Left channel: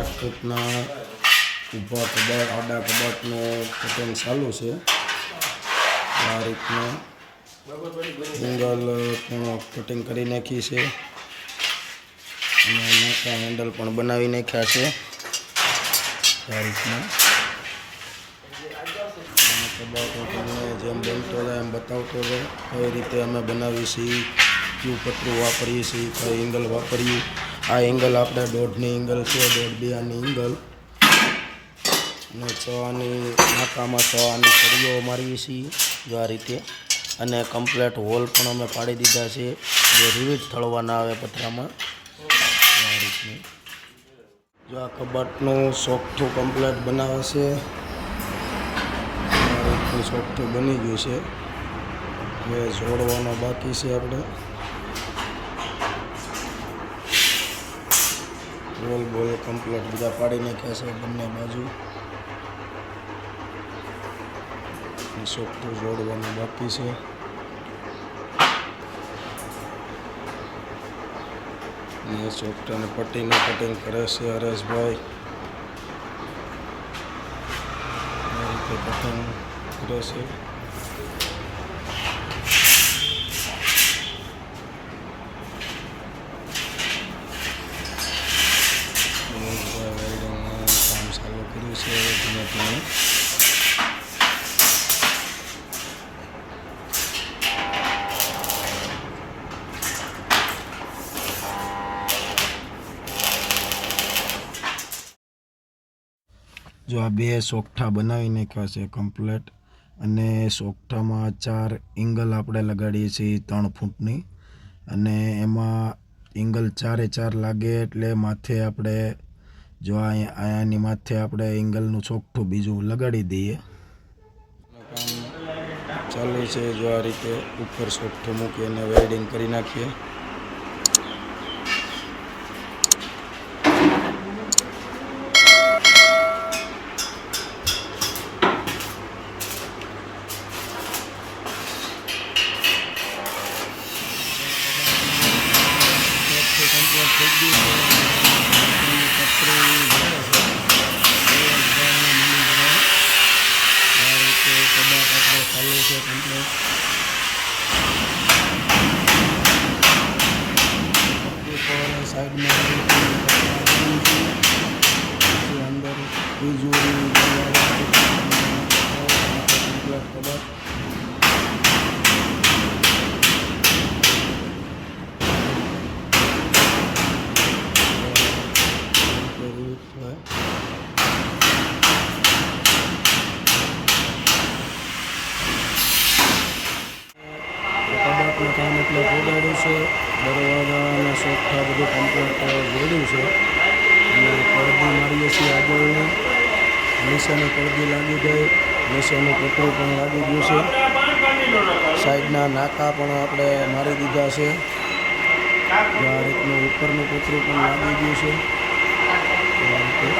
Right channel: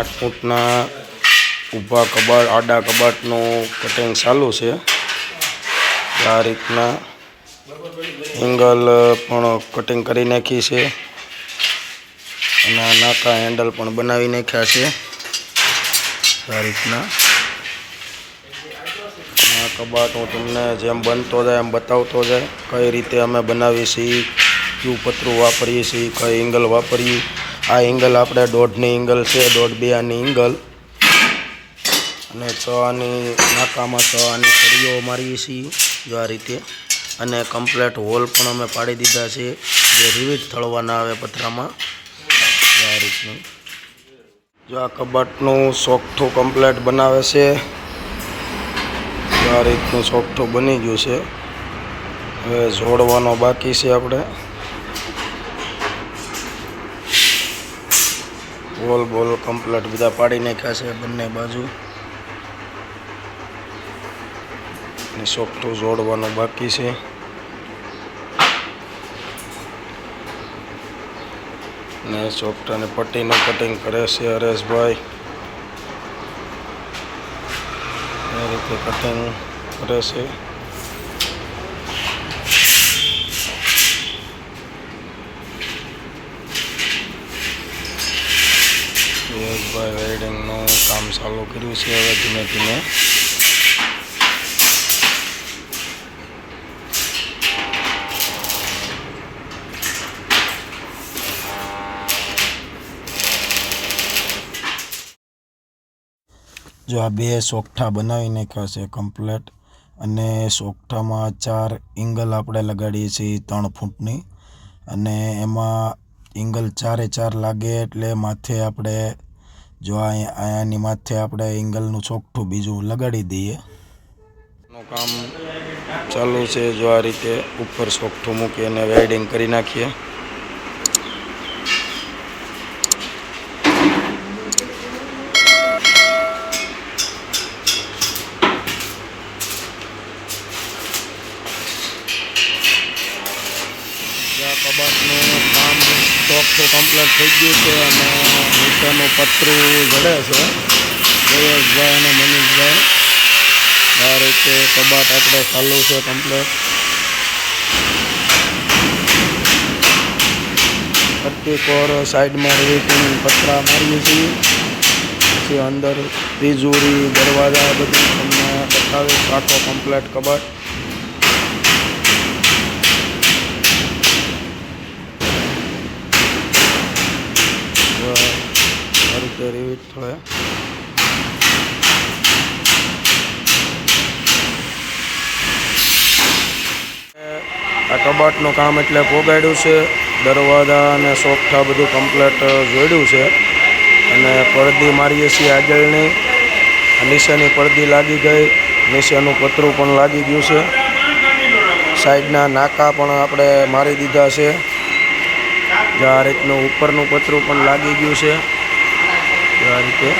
8 ફૂટના ઊભા કબાટ આડા કબાટનું કટિંગ ચાલુ છે। આ રીતના એંગલ પણ કટિંગ કરી નાખી છે અને નાકા હેન્ડલ પણ બનાવી નાખ્યા છે। આ રીતના આ કબાટ હું તમને જેમ બનતો જાય એમ બતાવતો જાય કઈ રીતે અમે બનાવીએ છીએ, ક્યુ પતરું વાપરીએ છીએ, કઈ એંગલ વાપરીએ। આ એંગલ આપણે 1.5ની એંગલ છે, 1.5-2 આની એંગલ અને 6 આની નાકામાં 6 આની સળીઓ મારીએ છીએ જો આ રીતે। અને કમ્પ્લેટ હોલ પણ અમે પાડી દીધા છે જે રિવિટ થળવાના આવે પતરામાં આ રીતનું। જો આ કબાટનું સોગઠું કમ્પ્લેટ બનાવે છે, આ રીતનું સોગઠું બની ગયું છે। હવે જોડવાનો બાકી છે આપણે। હોલ બોલ કમ્પ્લેટ બધા પાડી નાખ્યા છે બંને બાજુ અને સોગઠું જોડવાનું બાકી છે। ને સોગઠાની પટ્ટીનું કટિંગ કરે છે હરેશભાઈ। એ રીતે કટિંગ કરે છે। હરેશભાઈ વેલ્ડિંગનું કામ ચાલુ કર્યું છે હવે ધીમે ધીમે। જો આ 2 સોગઠા બનાવી નાખ્યા છે કમ્પ્લેટ અને સોગઠામાં 4 એંગલ આપણે લગાડીએ છીએ 3 ફૂટની અને એમાં એંગલ 4 લાગે એટલે માથે આપણે જો આની માથે આપણે એંગલનું સોગઠું બીજું લગાડી દઈએ। કામ ચાલુ છે જો આ રીતે ઉપર સોગઠું મૂકી અને વેલ્ડિંગ કરી નાખીએ। કબાટનું કામ સોગઠું કમ્પ્લીટ થઈ ગયું છે અને નીચેનું પતરું જડે છે જયેશભાઈ અને મનીષભાઈ। આ રીતે કબાટ આપણે ચાલુ છે કમ્પ્લીટ। 34 સાઈડમાં રેટિંગ પતરા મારીએ છીએ પછી અંદર તિજોરી દરવાજા બધું તમને બતાવીશ આખો કમ્પ્લીટ કબાટ। રિવિટ થળે આ કબાટનું કામ એટલે પોગાડ્યું છે, દરવાજા અને સોગઠા બધું કમ્પ્લેટ જોડ્યું છે અને પડદી મારીએ છીએ આગળની, નીચેની પડદી લાગી ગઈ, નીચેનું પતરું પણ લાગી ગયું છે, સાઈડના નાકા પણ આપણે મારી દીધા છે। આ રીતનું ઉપરનું પતરું પણ લાગી ગયું છે આ રીતે।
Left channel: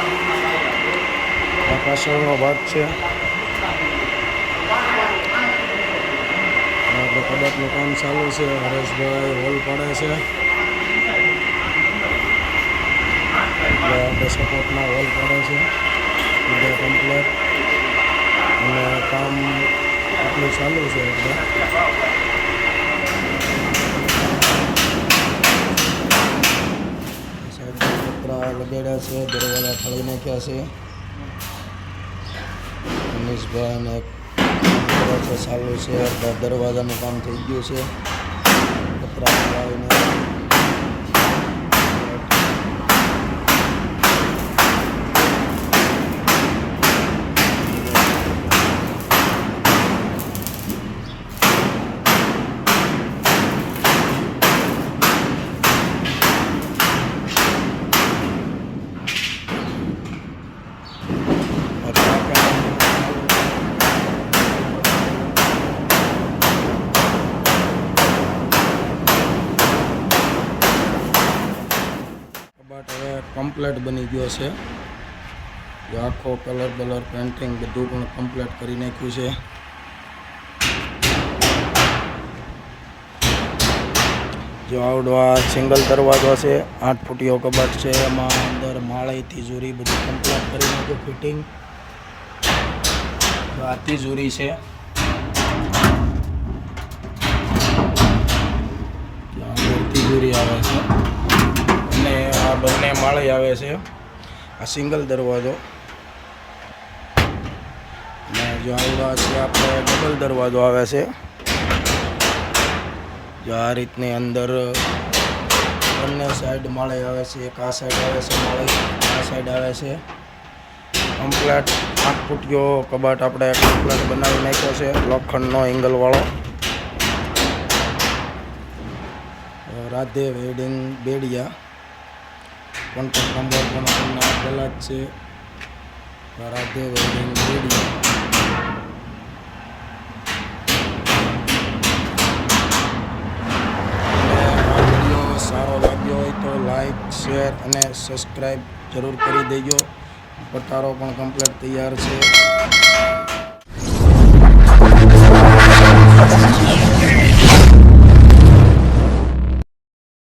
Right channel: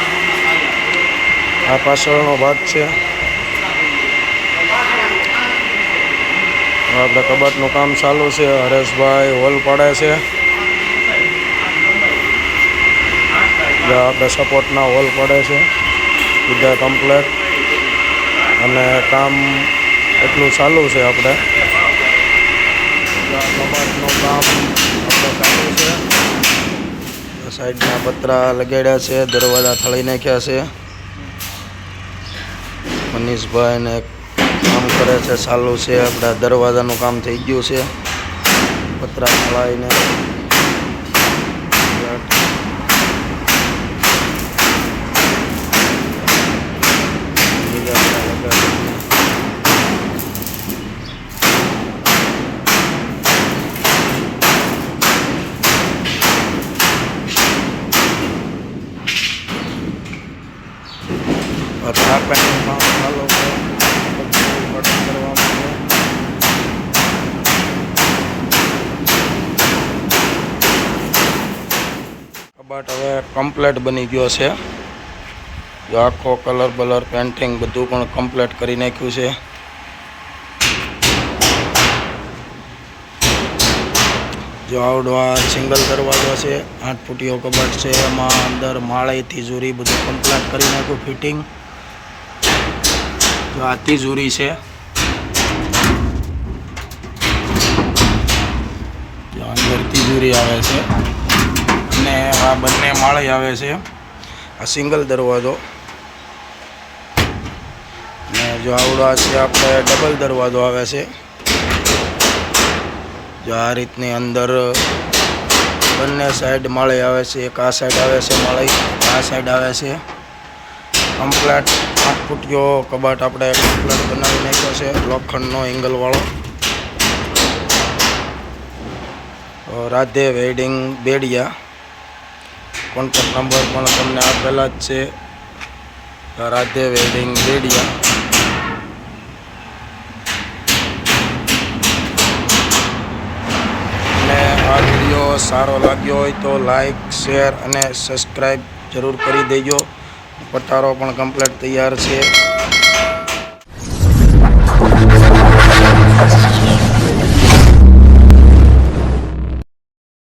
આ પાછળનો ભાગ છે। આપણે કબાટનું કામ ચાલુ છે, હરેશભાઈ હોલ પાડે છે। આપણે સપોર્ટના હોલ પડે છે બધા કમ્પ્લેટ અને કામ એટલું ચાલુ છે આપણે। કબાટનું કામ આપણે ચાલુ છે, સાઈડના પતરા લગાડ્યા છે, દરવાજા થળી નાખ્યા છે। મનીષભાઈ ને કામ કરે છે ચાલુ છે। આપણા દરવાજાનું કામ થઈ ગયું છે, પતરા થળાઈને કબાટ હવે કમ્પ્લીટ બની ગયો છે। જો આખો કલર બલર પેન્ટિંગ બધું પણ કમ્પ્લીટ કરી નાખ્યું છે। જો આવડો આ સિંગલ દરવાજો છે, 8 ફૂટીયો કબાટ છે. એમાં અંદર માળી તિજોરી બધું કમ્પ્લીટ કરી નાખ્યું ફિટિંગ. જો આ તિજોરી છે, જો અંદર તિજોરી આવે છે અને આ બંને માળી આવે છે. આ સિંગલ દરવાજો ને જો આવડો છે આપણે ડબલ દરવાજો આવે છે. જો આ રીતની અંદર બંને સાઈડ માળી આવે છે. એક આ સાઈડ આવે છે માળી, આ સાઈડ આવે છે. કમ્પ્લેટ 8 ફૂટીયો કબાટ આપણે કમ્પ્લેટ બનાવી નાખ્યો છે, લોખંડનો એંગલવાળો. Radhe wedding Bediya. Contact number પણ તમને આપેલા જ છે, રાધે વેડિંગ બેડિયા. અને આ વિડીયો સારો લાગ્યો હોય તો લાઈક, શેર અને સબસ્ક્રાઈબ જરૂર કરી દેજો. પટારો પણ કમ્પ્લીટ તૈયાર છે.